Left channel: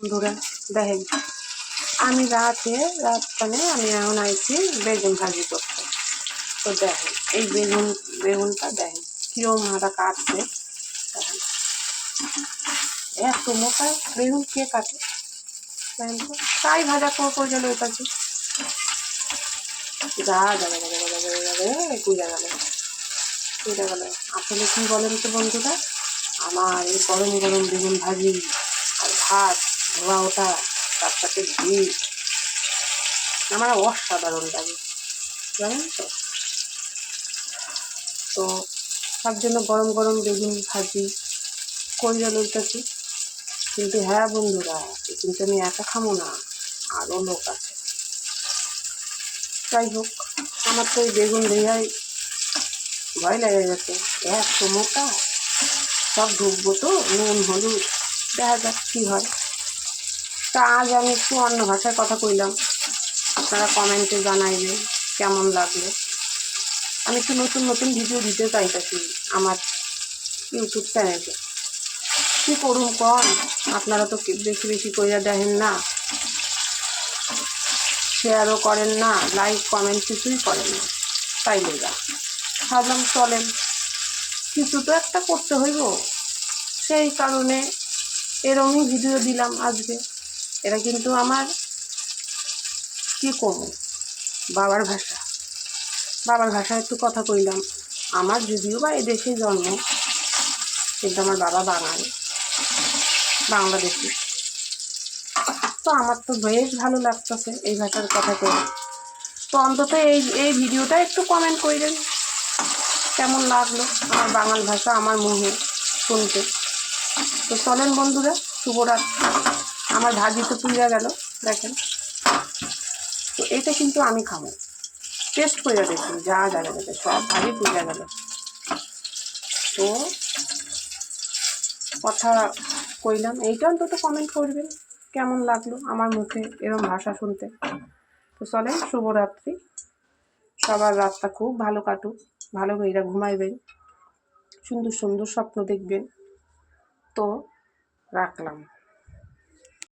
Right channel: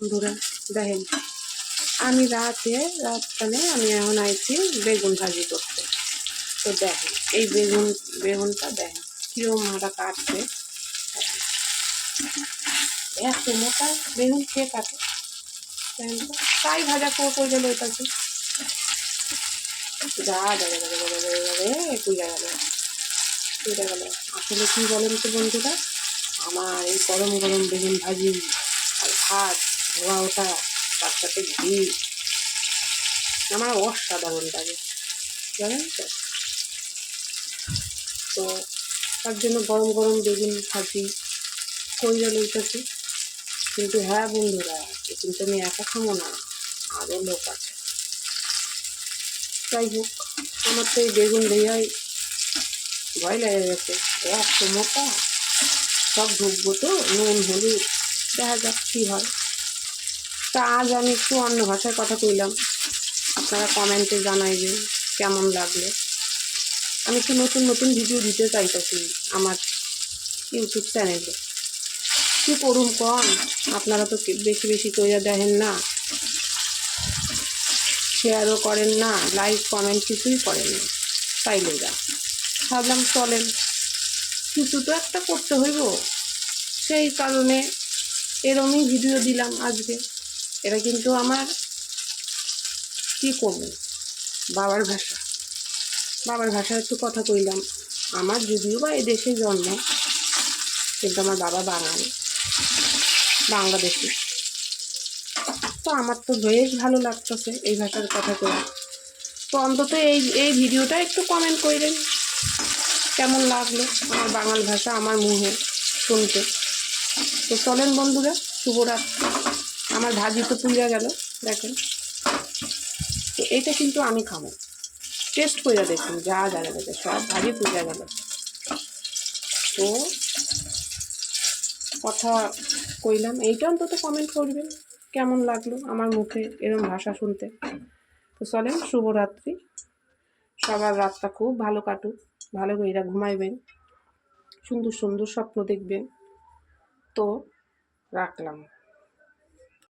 বন্ধুরা দেখেন, আমি রাতখানে আমি এখন আইছি বেগুন ভাজি করতে। তো দেখেন এই বেগুনটা দেখেন কিরম হাঁটা কাটছে। দেখেন এত মোটা বেগুন কে কাটে? দেখেন তো তাই ভাজা করে গেল ওইটাকে যা যাবে কুইরা গেল কুইরা গেল। আসলে কি বলেন তো বন্ধুরা, আমার এই গরম গরম বেগুন ভাজি আর ভাত ধোয়া ওটা তার সাথে ঘি আমার অসাধারণ লাগে, জানেন তো। তো তার জন্য গরম গরম বেগুন ভাজি করে লইতেছি। কিন্তু হ্যাঁ বন্ধুরা, কিন্তু আমি একা খামো না, আরও লোক আছে। যাই হোক, আমার তো এই বেগুন ভেজাই ভয় লেগে গেছে, এত মোটা সব ঢুকবো তো, নুন হলুদ দেখা যাক কী হয়। তা আজ আমি একটু অন্য ভাষায় কথা কইলাম, আপনারা কমেন্টে জানাইবেন কেমন লাগলো। আমি একটু নতুন নতুন ভিডিও দিতে চাইতেছি আমার ইউটিউব চ্যানেলে। কী করুন কম, আপনারা তো বেশি বেশি কইরা দেখেন না, শেয়ারও করেন না, লাইক কমেন্ট কিছুই করেন না। তাই লেগা ভাবলাম চলেন কিছু তো একটা করতে হইব, সেই কারণে এরকমই ভিডিও দিলাম আজকে। এটা কিন্তু আমার কী করবো বাবার ভাষা, বাবার ভাষায় একটু কথা কইলাম। আমার যদিও বা এদেশে জন্ম, কিন্তু আমার বাবা বাংলাদেশি। তো আমার তো বেশ ভালো লাগতেছে এই ভাষার কথা কই। তো অন্তত এই ভিডিওটা একটু কমেন্ট করেন কেমন লাগলো আমার বাঙাল ভাষা আমার মুখে শুনতে। তো চলেন বন্ধুরা, শুভরাত্রি। আমার ভাজি তো পুড়ে গেল দেখেন। তো এটা কিন্তু আমি খাবো, টেস্ট করে দেখুন, যা যাবে সব ভাজি পুড়ে গেল। তো কথা কইলাম, এইটা অন্তত কমেন্ট করবেন কেমন লাগলো আমার মুখে এরম ভাষা শুনতে। তো চলেন শুভরাত্রি, সবার রাতটা খুব ভালো কাটুক, ভালো করে ঘুমাইবেন, সুন্দর সুন্দর স্বপ্ন দেখবেন। তো রাখলাম।